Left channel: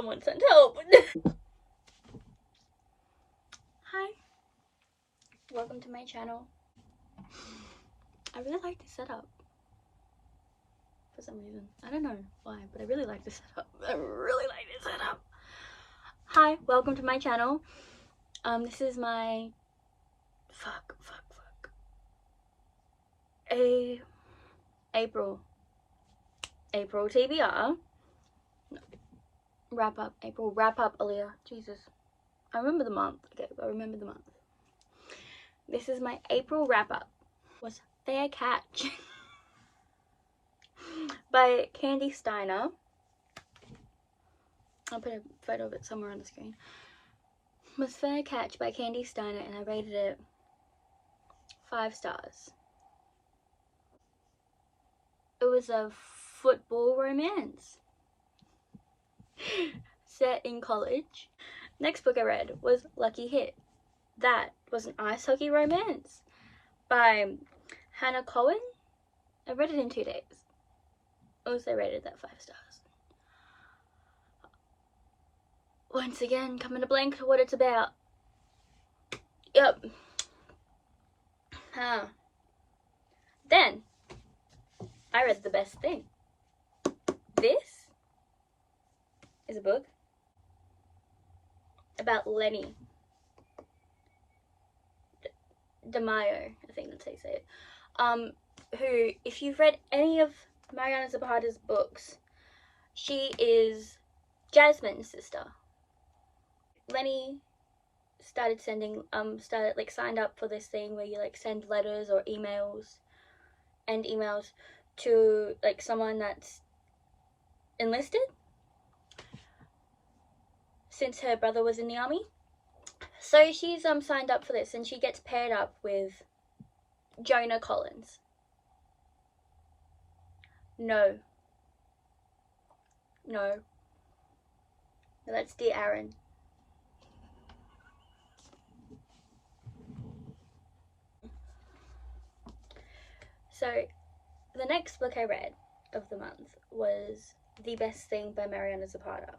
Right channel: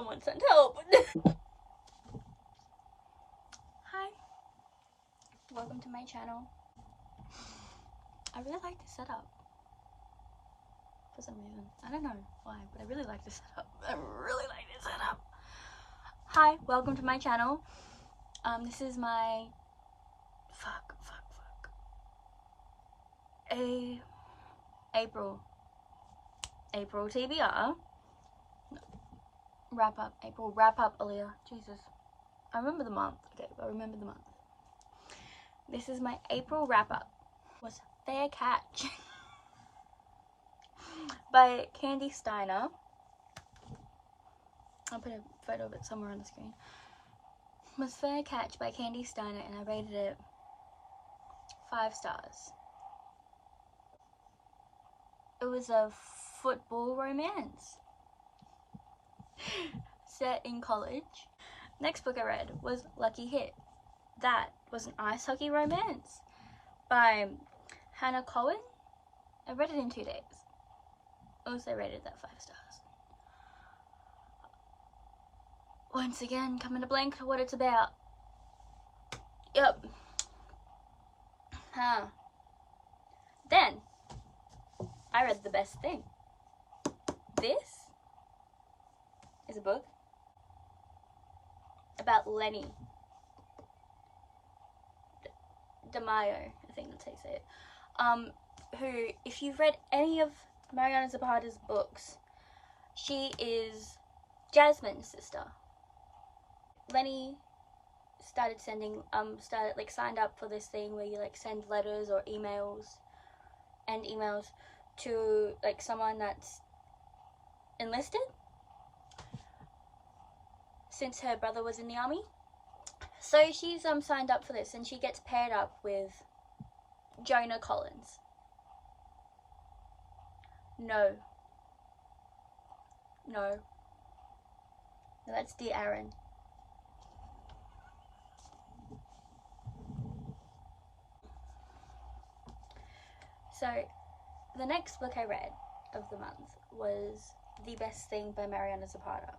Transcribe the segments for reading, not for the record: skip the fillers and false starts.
Someone sent help. Hi, welcome to my channel. I really like this setup for some reason. I don't know why, but I really like this setup. I really like this setup. Hi, welcome to my channel. This is my April TBR wrap up. April wrap up, Aaliyah. Jesus, I remember the month. Okay, I remember the month. This is my April wrap up. Was Fair Catch by Candy Steiner. I'll put a photo of it somewhere on the screen. Was Fair Catch by Candy Steiner, and I rated it 5 stars. It was a football romance set in college. Next book I read was Lucky Hit. That was an ice hockey romance by Hannah Cohen. I read it in 2 days. Also rated that 5 stars. Once again, coming to blank what it's about. Yep. Then I read The Best Thing. This is a book about Lenny DeMaio, I think that's how you say it. Who, if you've read any of Mariana Zapata's books, she is Jasmine's sister. Lenny started sending, signed up for this thing where you like send letters or emails to like someone that's enlisted since her brother was in the army. So she's signed up for this, and she gets paired up with Jonah Collins. No, that's Dear Aaron. So the next book I read of the month was The Best Thing by Mariana Zapata.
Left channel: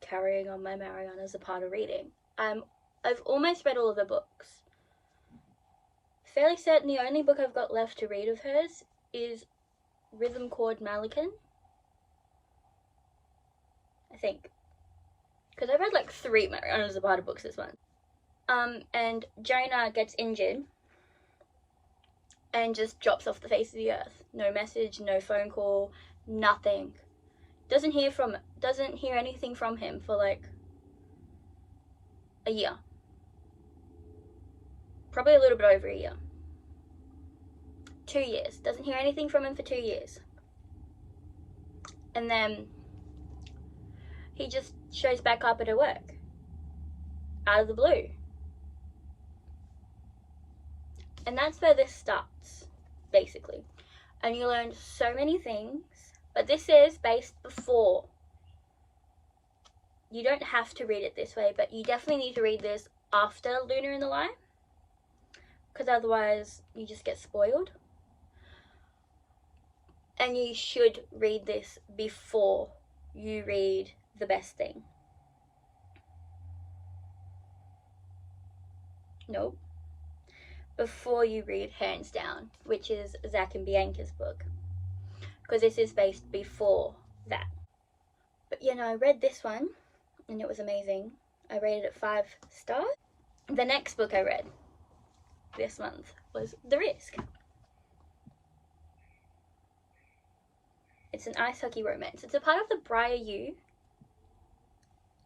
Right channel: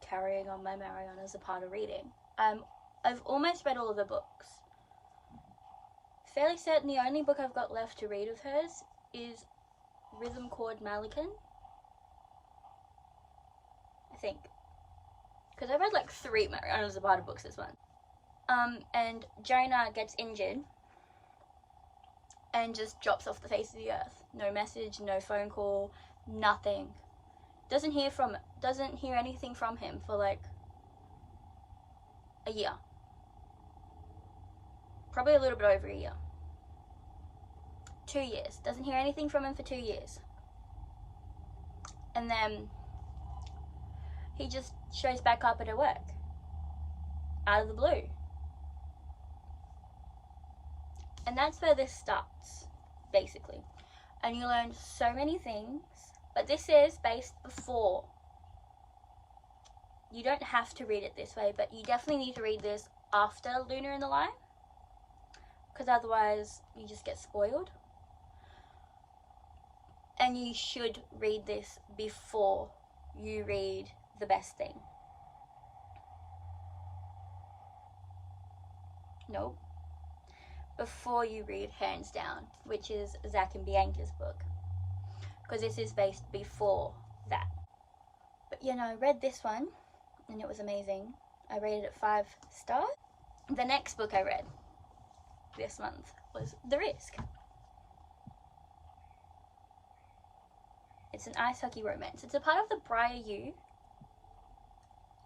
Carrying on my Mariana Zapata reading. I've almost read all of her books. Fairly certain the only book I've got left to read of hers is Rhythm Chord Malikan. I think. Because I read like 3 Mariana Zapata books this month. And Jonah gets injured and just drops off the face of the earth. No message, no phone call, nothing. Doesn't hear anything from him for like a year. Probably a little bit over a year. 2 years. Doesn't hear anything from him for 2 years. And then he just shows back up at her work. Out of the blue. And that's where this starts, basically. And you learn so many things. But this is based before. You don't have to read it this way, but you definitely need to read this after Lunar in the Light. Because otherwise you just get spoiled. And you should read this before you read The Best Thing. Nope. Before you read Hands Down, which is Zach and Bianca's book. Because this is based before that. But you know, I read this one and it was amazing. I rated it 5 stars. The next book I read this month was The Risk. It's an ice hockey romance. It's a part of the Briar U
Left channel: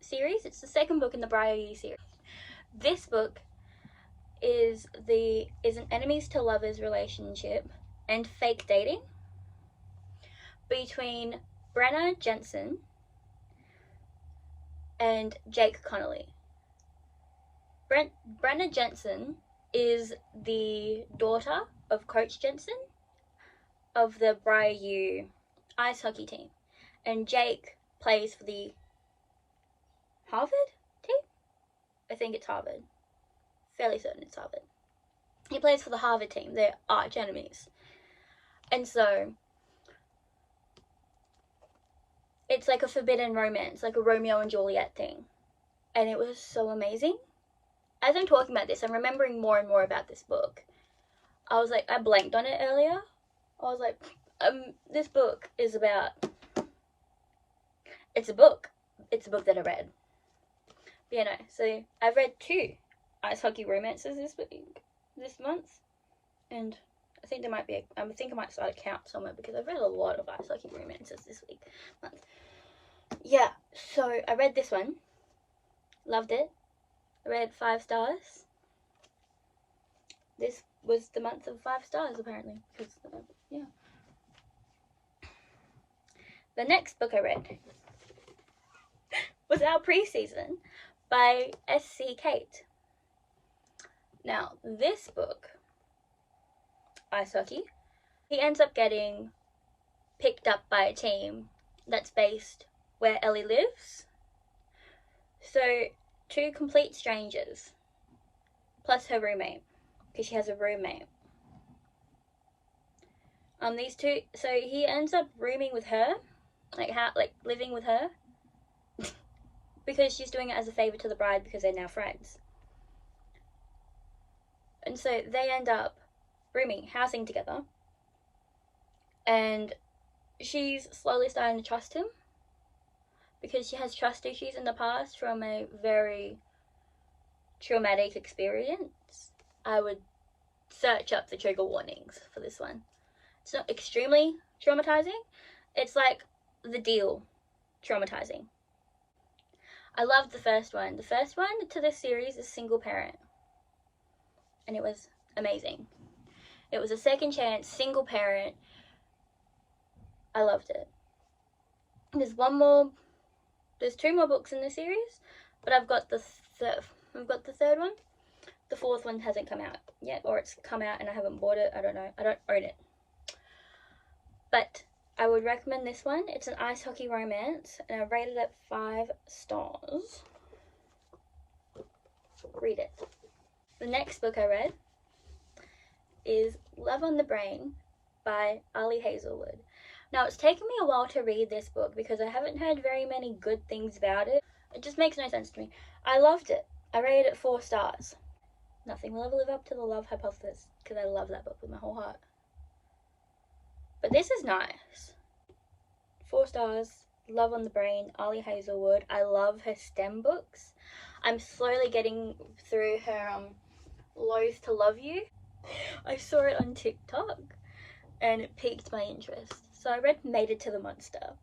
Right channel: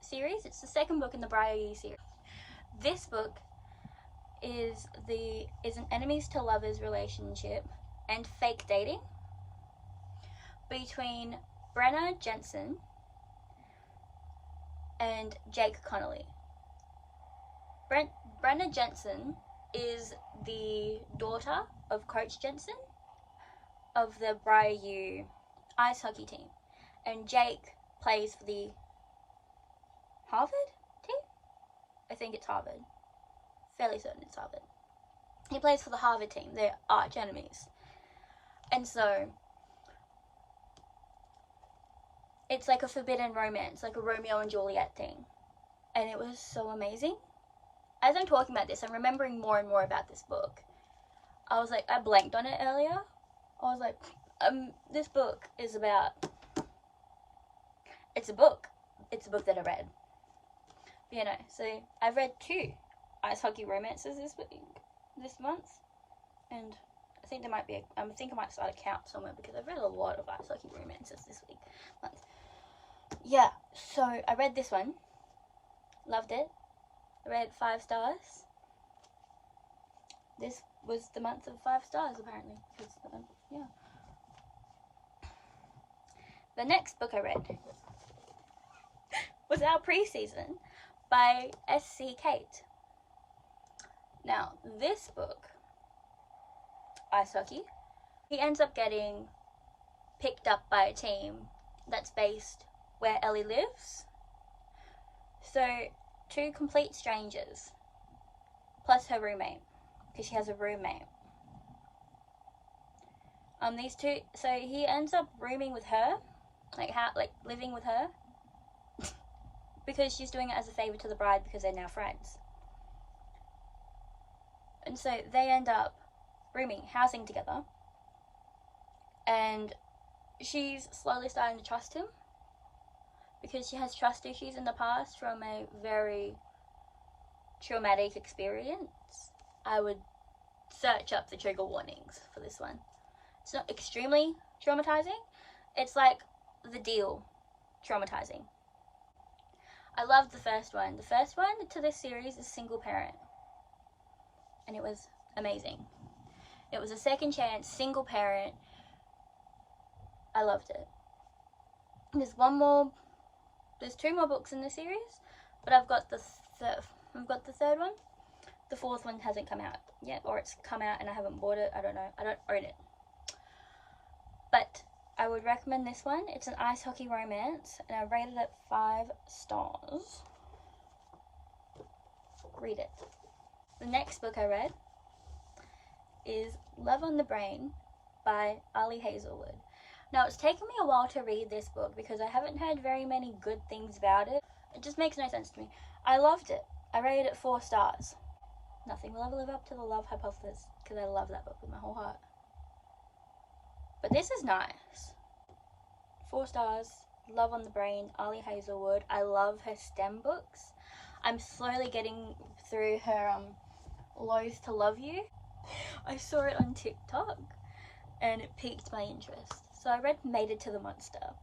series. It's the second book in the Briar U series. This book is an enemies to lovers relationship and fake dating between Brenna Jensen and Jake Connolly. Brenna Jensen is the daughter of Coach Jensen of the Briar U ice hockey team, and Jake plays for the Harvard team? I think it's Harvard. Fairly certain it's Harvard. He plays for the Harvard team. They're arch enemies. And so it's like a forbidden romance, like a Romeo and Juliet thing. And it was so amazing. As I'm talking about this, I'm remembering more and more about this book. I was like, I blanked on it earlier. I was like, this book is about, it's a book that I read. But, you know, so I've read 2 ice hockey romances this month, and I think there might be I think I might start a count somewhere, because I've read a lot of ice hockey romances this month. Yeah, so I read this one, loved it. I read 5 stars. This was the month of 5 stars, apparently, because yeah. The next book I read was Our Preseason by S.C. Kate. Now, this book, ice hockey, he ends up getting picked up by a team that's based where Ellie lives. So, 2 complete strangers, plus her roommate, because she has a roommate. These 2, so he ends up rooming with her, living with her, because she's doing it as a favor to the bride, because they're now friends. And so they end up housing together, and she's slowly starting to trust him, because she has trust issues in the past from a very traumatic experience. I would search up the trigger warnings for this one. It's not extremely traumatizing. It's like The Deal traumatizing. I loved the first one. The first one to this series is Single Parent, and it was amazing. It was a second chance, single parent. I loved it. There's 2 more books in the series, but I've got the third one. The 4th one hasn't come out yet, or it's come out and I haven't bought it. I don't know. I don't own it. But I would recommend this one. It's an ice hockey romance, and I rated it 5 stars. Read it. The next book I read is Love on the Brain by Ali Hazelwood. Now, it's taken me a while to read this book because I haven't heard very many good things about it. It just makes no sense to me. I loved it. I rated it 4 stars. Nothing will ever live up to the Love Hypothesis, because I love that book with my whole heart. But this is nice. 4 stars. Love on the Brain, Ali Hazelwood. I love her STEM books. I'm slowly getting through her Loath to Love You. I saw it on TikTok and it piqued my interest. So I read Mated to the Monster,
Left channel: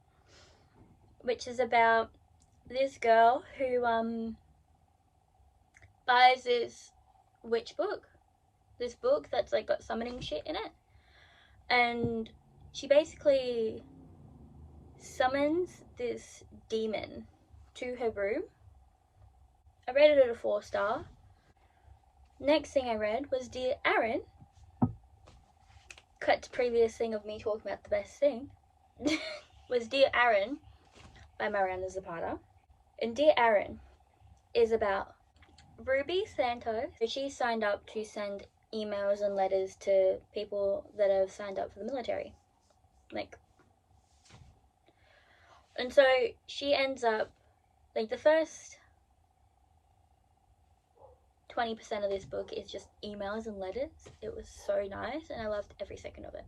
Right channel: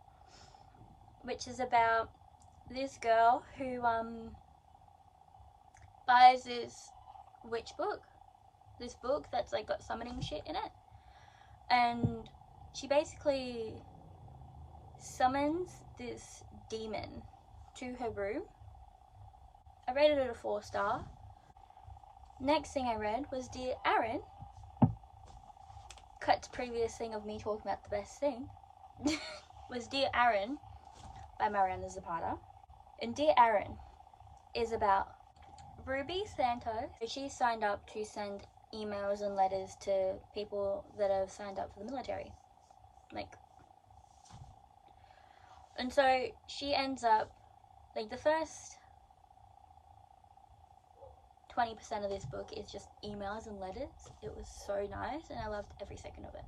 which is about this girl who buys this witch book. This book that's like got summoning shit in it. And she basically summons this demon to her room. I rated it a 4 star. Next thing I read was Dear Aaron. Cut to previous thing of me talking about the best thing. Was Dear Aaron by Mariana Zapata. And Dear Aaron is about Ruby Santos. She signed up to send emails and letters to people that have signed up for the military. And so she ends up, the first 20% of this book is just emails and letters. It was so nice and I loved every second of it.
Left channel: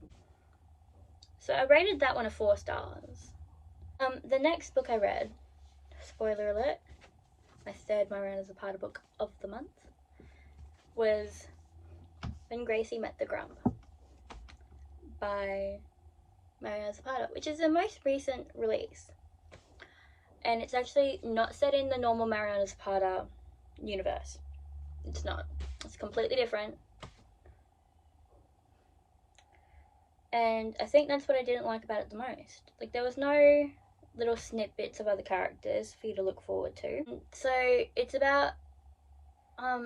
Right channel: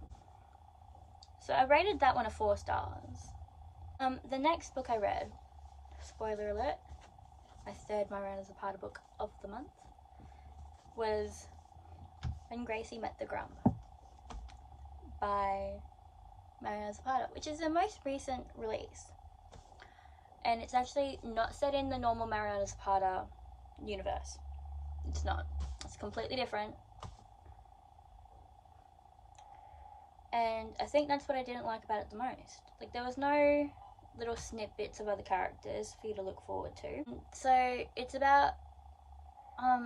So I rated that one a 4 stars. The next book I read, spoiler alert, my 3rd Mariana Zapata book of the month, was When Gracie Met the Grump by Mariana Zapata, which is the most recent release. And it's actually not set in the normal Mariana Zapata universe. It's not. It's completely different. And I think that's what I didn't like about it the most. There was no little snippets of other characters for you to look forward to. So it's about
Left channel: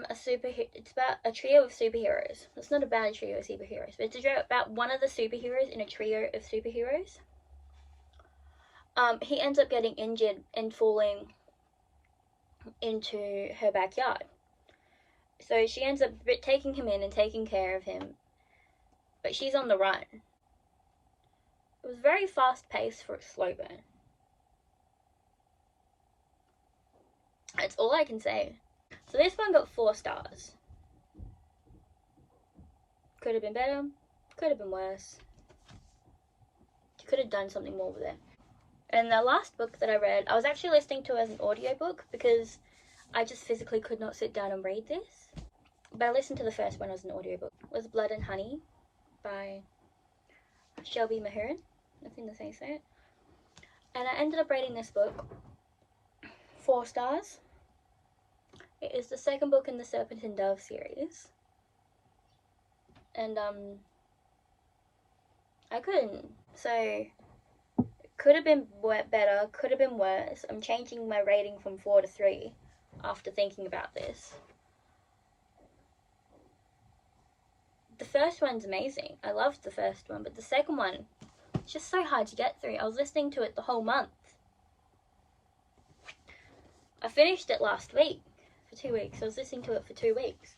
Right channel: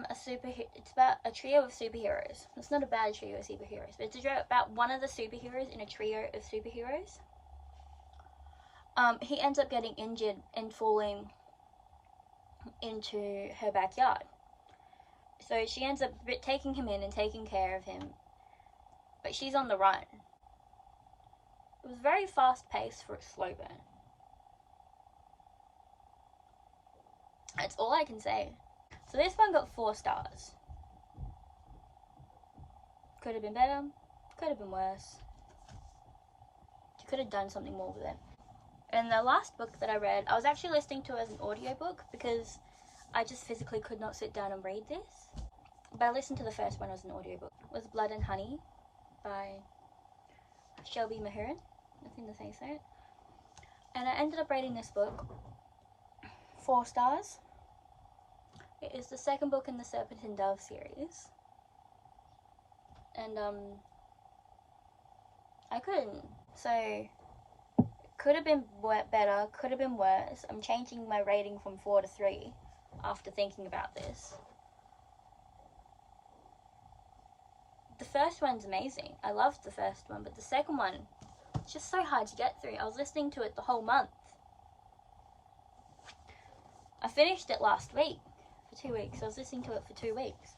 it's about a trio of superheroes. It's not about a trio of superheroes, but it's about one of the superheroes in a trio of superheroes. He ends up getting injured and falling into her backyard. So she ends up taking him in and taking care of him, but she's on the run. It was very fast paced for a slow burn. That's all I can say. So this one got 4 stars. Could have been better, could have been worse. You could have done something more with it. And the last book that I read, I was actually listening to as an audiobook because I just physically could not sit down and read this. But I listened to the first one as an audiobook. It was Blood and Honey by Shelby Mahurin. I think that's how you say it. And I ended up reading this book 4 stars. It is the second book in the Serpent and Dove series. And I couldn't. So it could have been better, could have been worse. I'm changing my rating from 4 to 3 after thinking about this. The first one's amazing. I loved the first one, but the second one, it's just so hard to get through. I was listening to it the whole month. I finished it last week for 2 weeks. I was listening to it for 2 weeks.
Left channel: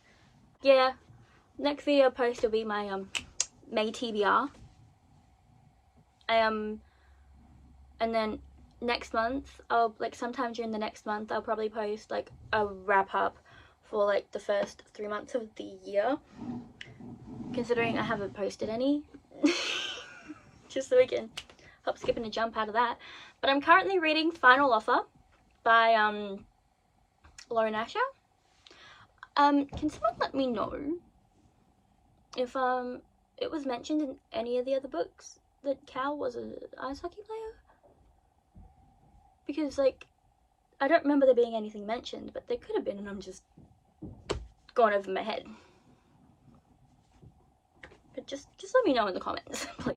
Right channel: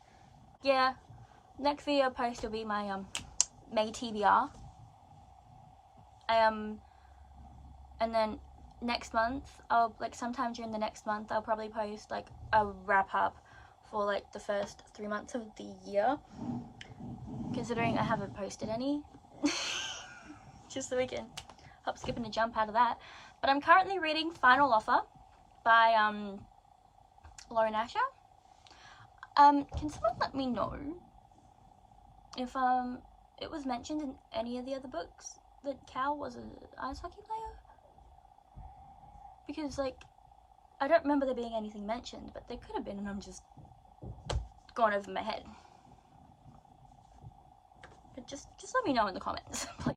Yeah, next video post will be my May TBR. And then next month, I'll sometime during the next month, I'll probably post a wrap up for the first 3 months of the year. Considering I haven't posted any. Just so we can hop, skip, and a jump out of that. But I'm currently reading Final Offer by Lauren Asher. Can someone let me know if it was mentioned in any of the other books that Cal was an ice hockey player? Because I don't remember there being anything mentioned, but there could have been, and I'm just going over my head. But just let me know in the comments, please.